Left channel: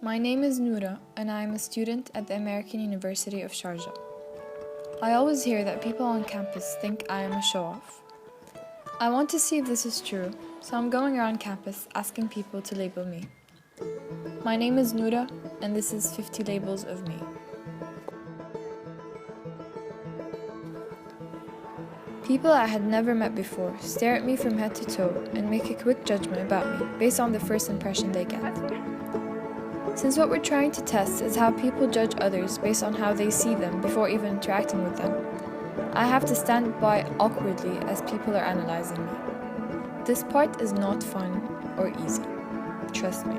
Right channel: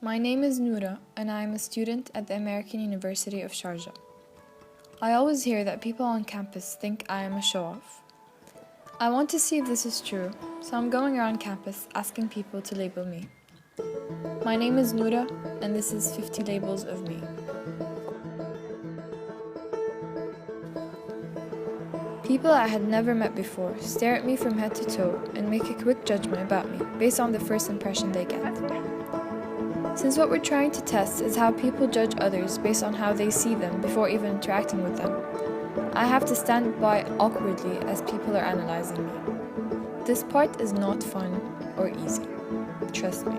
My name is Noura, and I am a student at the American University of Sharjah. I always hear that people on campus think I am a show-off. I want to see if this is true, so I'm going around campus asking people to label me. My name is Noura, and this is 50 labels of me. People I had never met before stare at me from head to toe and make a quick judgment about me based on the first impression they get. Since what we're trying to test is how people judge others based on how they see them before even interacting with them, I have to stand by awkwardly as people are analyzing me. This part is not fun or easy. Trust me.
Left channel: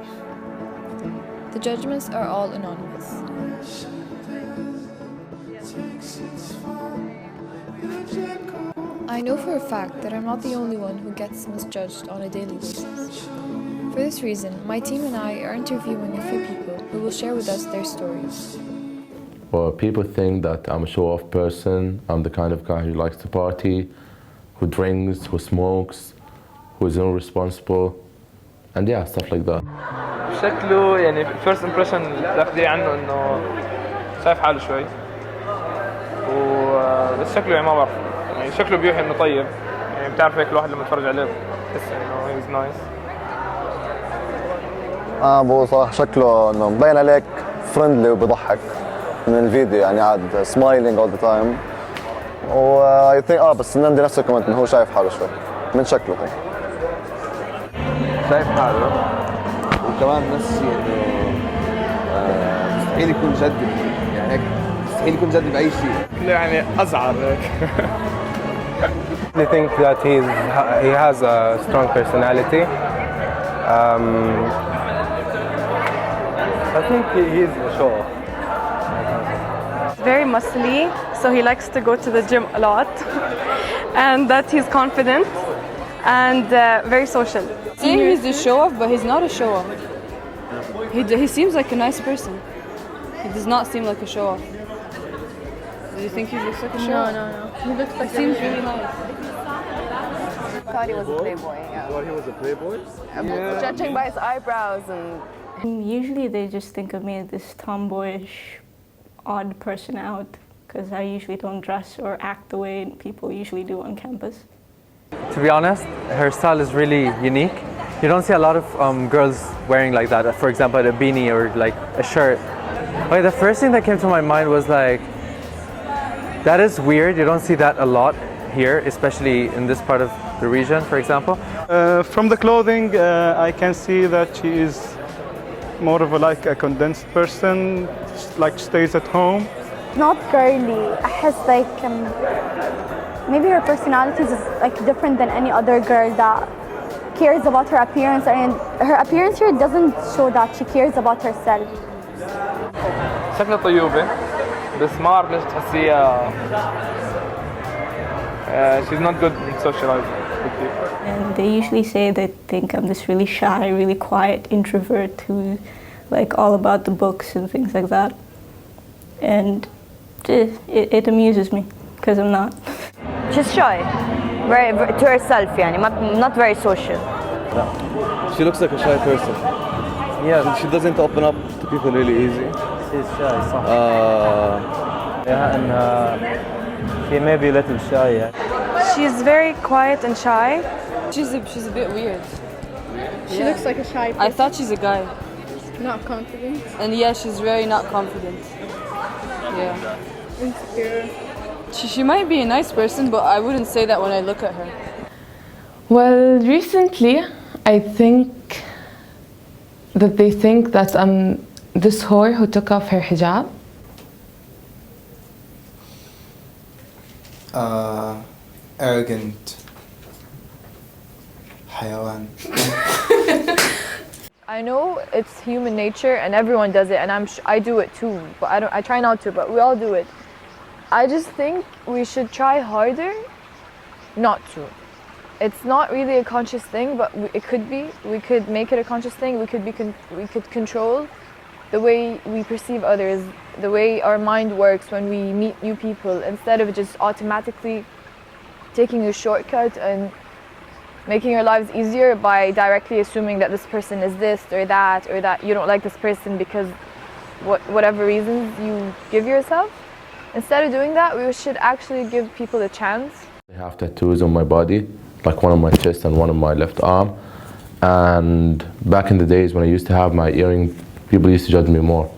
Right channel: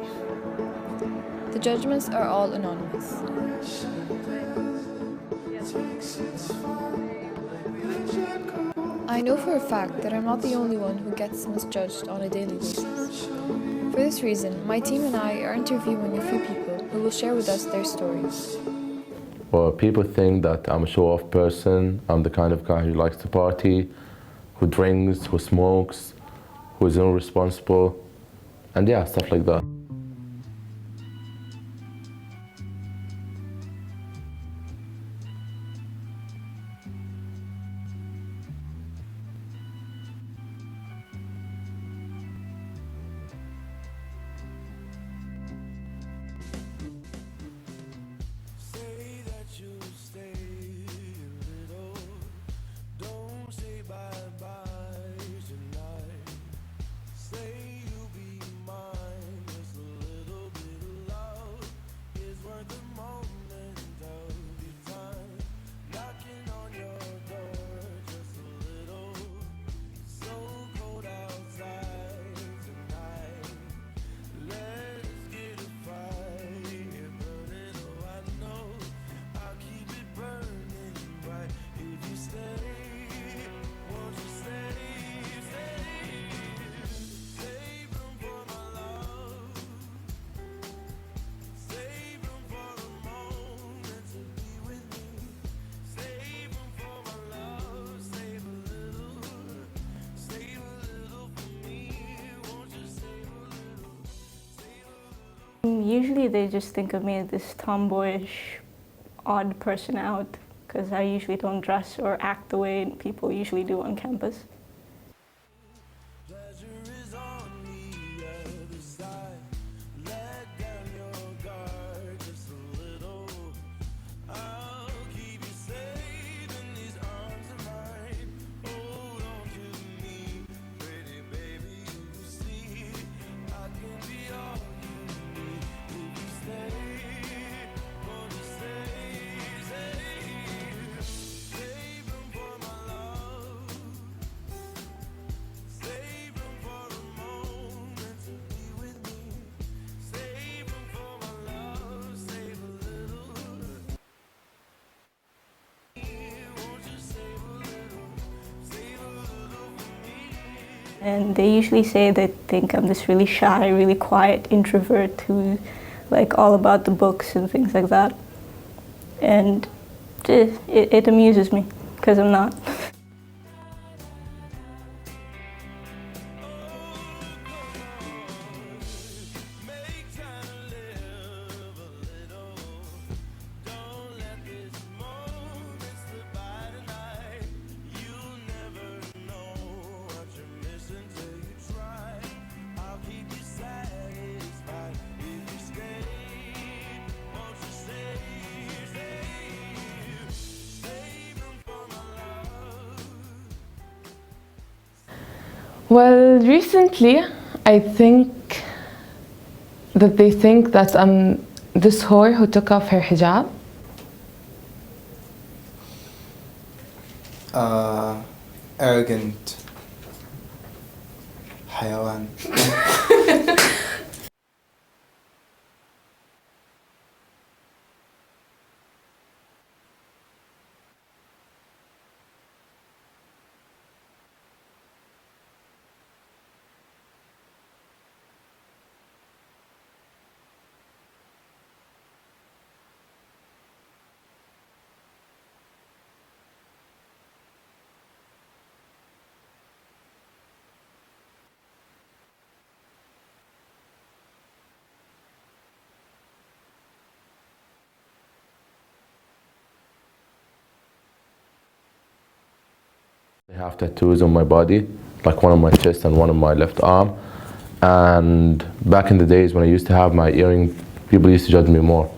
The judgments are all anonymous. I know for a fact that I'm not the only one who gets misjudged on a daily basis. For this reason, my team and I are interviewing a few people who will share with us their stories. Well, people think that I'm a show-off person. I'm the kind of guy who likes to party, who drinks, who smokes, who is irresponsible, and yeah, stuff like that. شكله يعني first impression اللي بتاخديه عنه إنه شايف حاله شوي بس شكله يعني ما بعرف يعني شكله بيوحي إنه طيب يعني بتعرف هيك الواحد لما يتفرج عليه بحس إنه he's nice. ابو صراحه شكله انه مبين عليك فريندلي وبضحك من الفيديو يعني قاعد سمايلينج اول ذا تايم و اي ثينك بس عندي نفس الكومنت انه هو شايف حاله شوي من شكله هيك شايف حاله وكمان نفسي انه مستحيل يكون جدي يعني هيك مستحيل يكون جدي باي شيء يعني أزعر هيك. I think that he has a strong personality. I think he's a show-off. Very muscly, so he likes to go to the gym a lot, and that he's confident and very social. Saying he's a show-off, but he's not a show-off. He seems like a nice person. He does not seem like a show-off. Do you think he looks like a show-off? No. He looks like He seems really nice. I thought he was a playboy. You thought he was a playboy? Yeah. Judging by his eyebrows and. Usually they just think of me as this tomboyish, odd person out, because I usually don't dress or act the way people usually do on campus. To be honest, her style is really unique. You don't see a lot of girls wearing like that. For example, a beanie or like a shirt. Okay, the first thing that came to my mind was like, that is weird. You don't see that a lot here, especially in this part of the region, for example. From the clothing, I can see that she is more of a condensed person, like stays at home. Not girly. I like maybe her personality is like different than any other girl that cares about her appearance, and her appearance here doesn't show that she cares about herself. شكلها طيوبة بس ما أعرف ليش تحسيها she's not good in socializing with people. And they usually say they think I'm this really shy, really quiet introvert who like all about the books and things like that. And it amuses me because I'm not. She's shy, very to herself, يعني not very social. She looks like a shy person. Yeah, she doesn't open up to people really easy. She's shy, صح. Yeah, and he may be a little shy. Yeah. She's very quiet and shy. She's a bit weird. She looks like a shy person. I thought she's a guy. Not confident. And yeah, she's very not confident. Yeah. Insecure. She might be a nice person, but I wouldn't say that when I look at her. Well, recently, I think that they think that I'm this whore who took off her hijab. Arrogant حيوان. I know it's human nature and everyone does it, and I do it too, but I try not to, but we all do it. I just think we should try harder not to. It's not really a conscious thing, but it could be. We could make it a conscious thing. We could control the way we perceive others, the way our mind works when we meet new people, instead of just automatically taking a shortcut and making your lives easier by directly assuming that this person is this or that you don't like this person because whatever reasons you give yourself. Instead of doing that, we should actually give people a chance. I have tattoos on my body, like one on my chest and one on my left arm. And back in the days when I used to have my earring, people used to judge me more.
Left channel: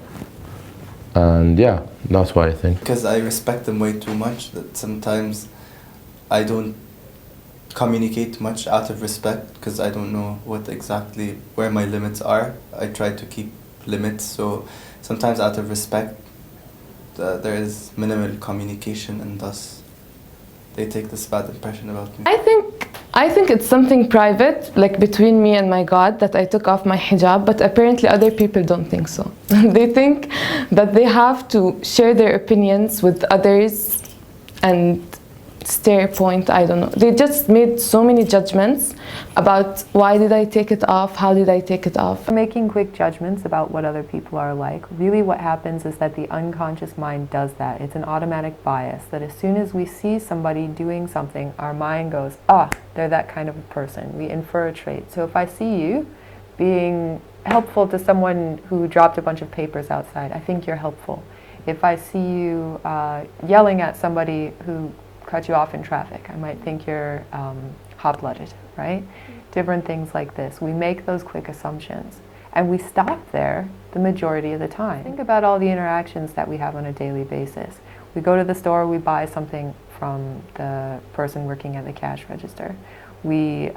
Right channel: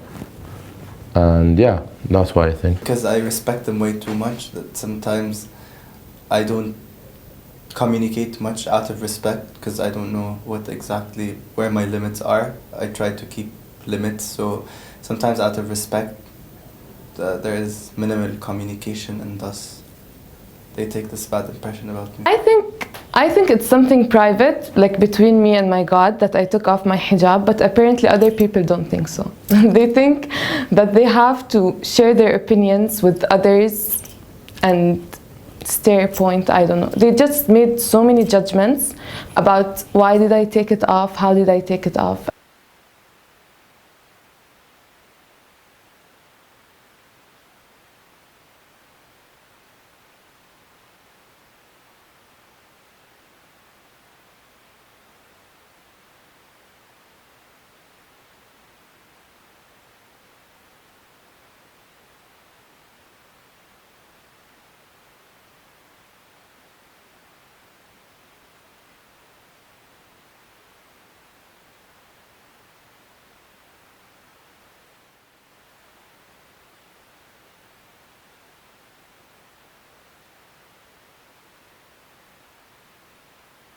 And yeah, that's why I think. Because I respect them way too much, that sometimes I don't communicate much out of respect because I don't know where my limits are. I try to keep limits, so sometimes out of respect there is minimal communication, and thus they take this bad impression about me. I think it's something private, like between me and my God, that I took off my hijab, but apparently other people don't think so. They think that they have to share their opinions with others and stare point, I don't know. They just made so many judgments about why did I take it off, how did I take it off. Making quick judgments about what other people are like, really what happens is that the unconscious mind does that. It's an automatic bias that as soon as we see somebody doing something, our mind goes, they're that kind of a person. We infer a trait. So if I see you being helpful to someone who dropped a bunch of papers outside, I think you're helpful. If I see you yelling at somebody who cut you off in traffic, I might think you're hot-blooded, right? Different things like this. We make those quick assumptions and we stop there the majority of the time. Think about all the interactions that we have on a daily basis. We go to the store, we buy something from the person working at the cash register. We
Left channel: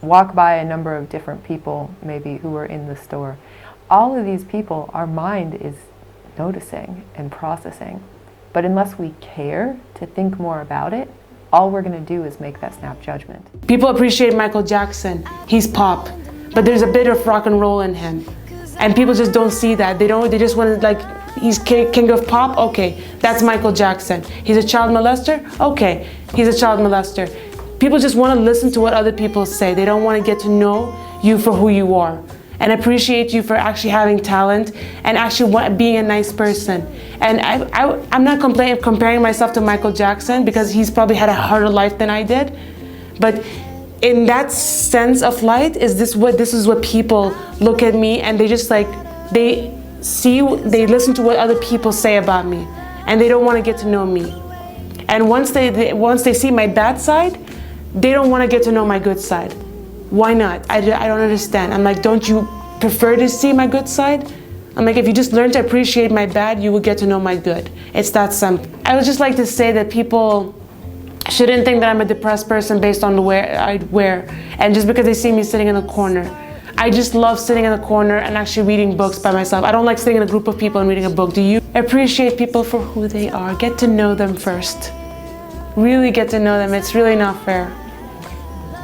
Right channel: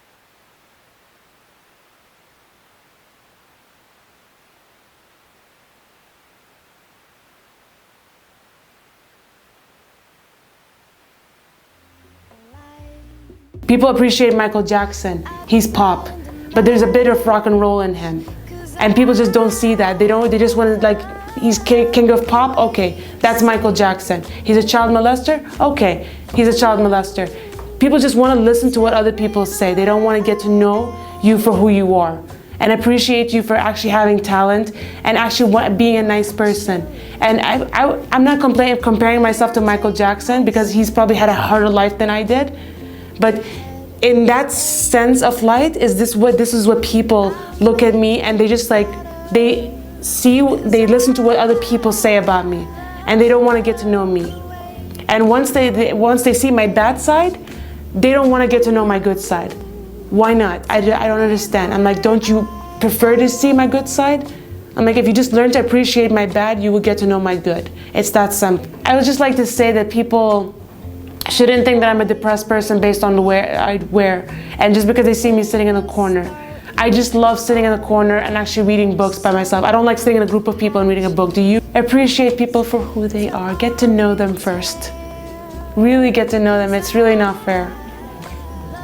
walk by a number of different people maybe who are in the store. All of these people, our mind is noticing and processing. But unless we care to think more about it, all we're going to do is make that snap judgment. People appreciate Michael Jackson. He's pop, but there's a bit of rock and roll in him. And people just don't see that. They just want to, like, he's king of pop? Okay, that's Michael Jackson. He's a child molester? Okay, he's a child molester. People just want to listen to what other people say. They don't want to get to know you for who you are and appreciate you for actually having talent and actually being a nice person. And I'm not comparing myself to Michael Jackson because he's probably had a harder life than I did. But in that sense of light, this is what people look at me and they just like, they listen to what other people say about me and they don't want to get to know me. And once they see my bad side, they don't want to get to know my good side. Why not? I don't understand. I'm like, don't you prefer to see my good side? I'm like, if you just learn to appreciate my bad, you will get to know my good. It's that simple. I would just like to say that people shouldn't think that I'm a depressed person based on the way I wear, and just because they see me sitting in a corner. I just love sitting in a corner and actually reading books by myself. I don't like sitting in a group of people and reading a book. Do you? Appreciate people for who they are. Get to know them first. Really get to know them. It's really not fair.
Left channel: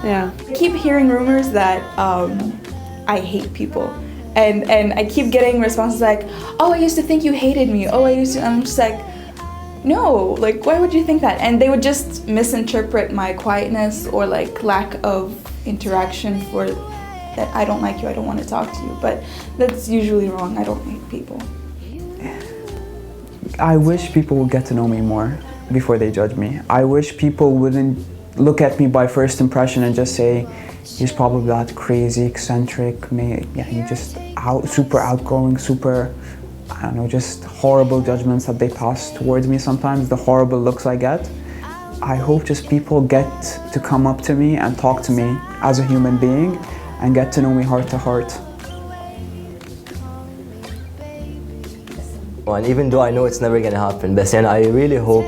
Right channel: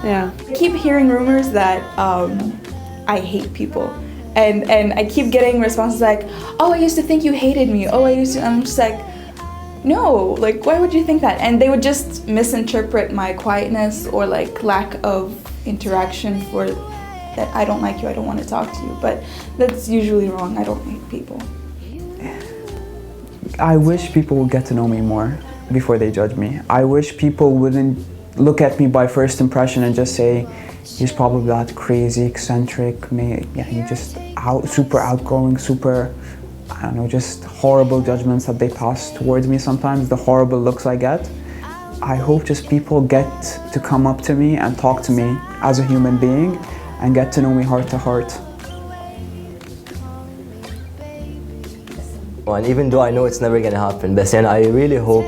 Yeah. I keep hearing rumors that I hate people. And I keep getting responses like, oh, I used to think you hated me. Oh, I'm just like, no, like, why would you think that? And they would just misinterpret my quietness or like lack of interaction for that I don't like you, I don't want to talk to you. But that's usually wrong. I don't hate people. I wish people would get to know me more before they judge me. I wish people wouldn't look at me by first impression and just say, he's probably that crazy, eccentric, he's just super outgoing, super, I don't know, just horrible judgments that they pass towards me sometimes, the horrible looks I get. I hope just people get to come up to me and talk to me as a human being and get to know me heart to heart. And even though I know it's never gonna happen, but I really hope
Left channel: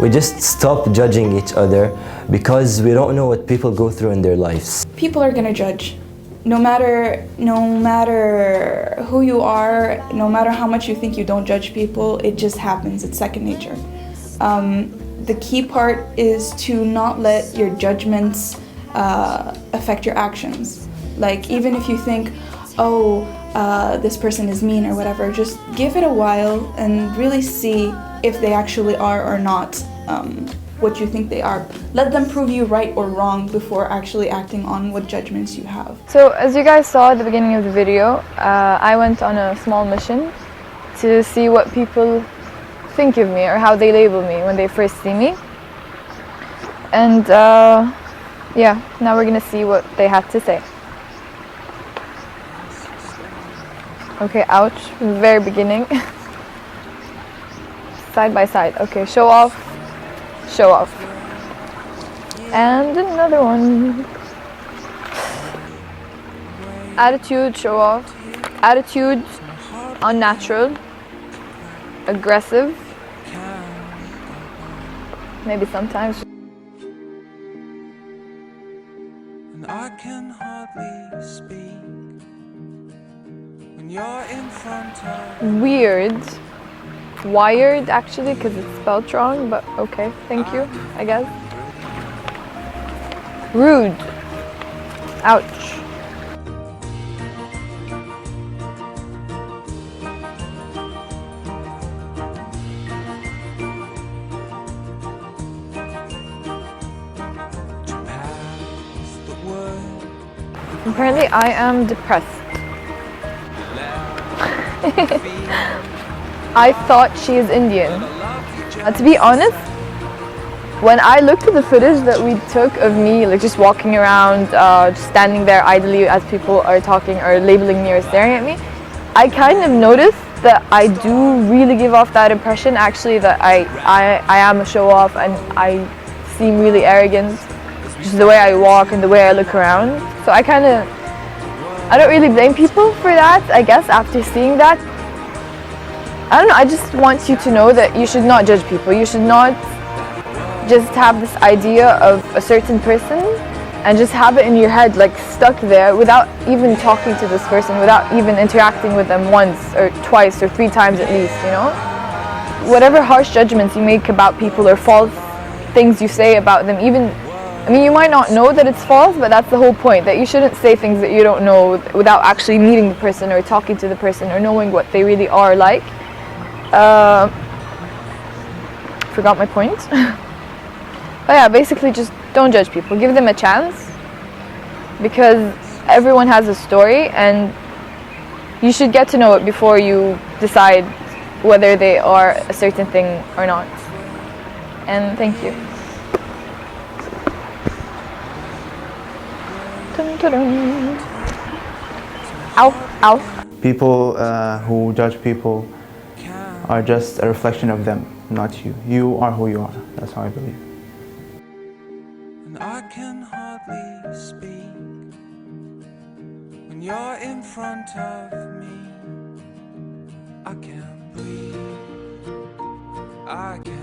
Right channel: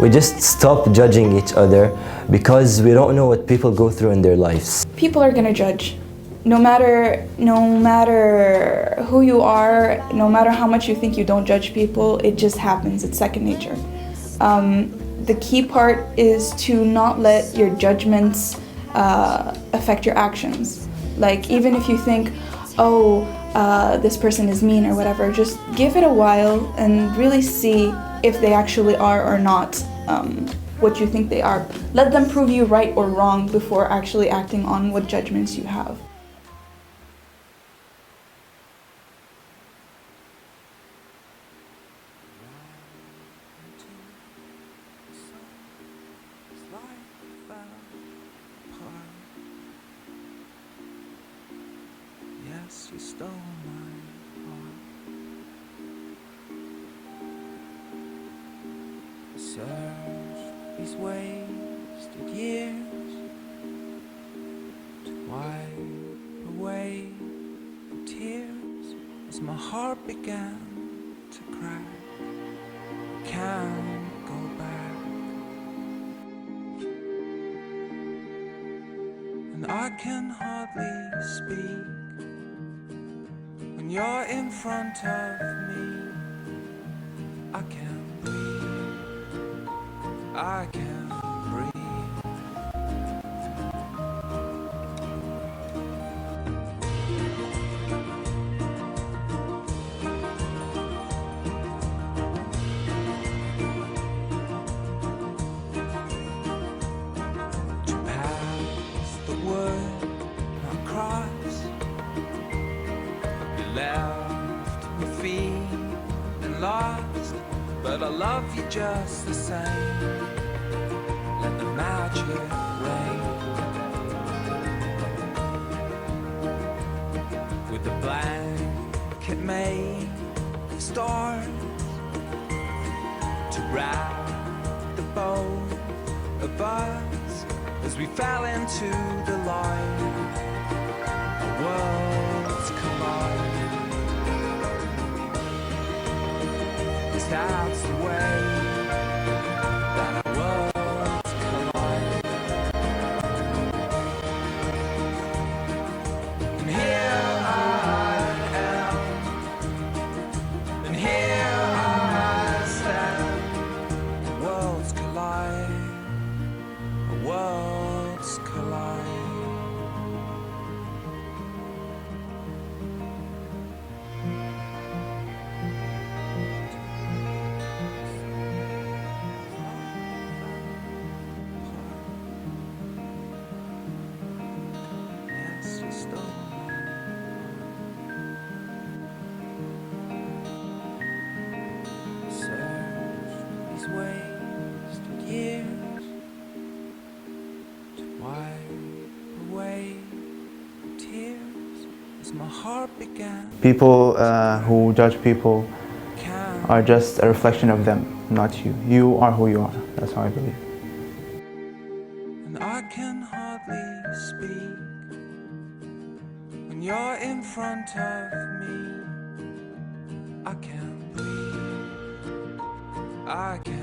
we just stop judging each other because we don't know what people go through in their lives. People are gonna judge. No matter who you are, no matter how much you think you don't judge people, it just happens. It's second nature. The key part is to not let your judgments affect your actions. Like, even if you think, oh, this person is mean or whatever, just give it a while and really see if they actually are or not what you think they are. Let them prove you right or wrong before actually acting on what judgments you have. So as you guys saw at the beginning of the video, I went on a small mission to see what people think of me or how they label me when they first see me. And Yeah, now we're gonna see what they had to say. Okay, ouch, from the very beginning. Side by side. Okay, show off, show off. And another one. Attitude, show off. Attitude, unnatural. Aggressive. Maybe sometimes. And I can hardly speak when you're in front of Weird. Wired, actually, because it's spelled wrong, but okay, thank you, I guess. Rude. Ouch. Apparently I am depressed. I thought she is Indian. To be honest, when I looked at the footage that we took of me like just walking around, just standing there idly as people are talking or labeling me or staring at me, I kind of noticed that I do really give off that impression actually that I am a show-off and I seem really arrogant. Just the way I walk and the way I look around. So I don't really blame people for that, I guess, after seeing that. I don't know, I just want you to know that you should not judge people. You should not just have this idea of a certain person and just have it in your head, like stuck there without even talking to this person, without even interacting with them once or twice or 3 times at least, you know? Whatever harsh judgments you make about people or false things you say about them, even, I mean, you might not know that it's false, but that's the whole point, that you shouldn't say things that you don't know without actually meeting the person or talking to the person or knowing what they really are like. Forgot my point. But yeah, basically just don't judge people. Give them a chance because everyone has a story and you should get to know it before you decide whether they are a certain thing or not. And thank you. Dun, dun, dun. Ow, ow. People who judge people are just a reflection of them, not you. You are who you are. That's how I believe. and I can hardly speak when you're in front of me. I can't breathe. I can't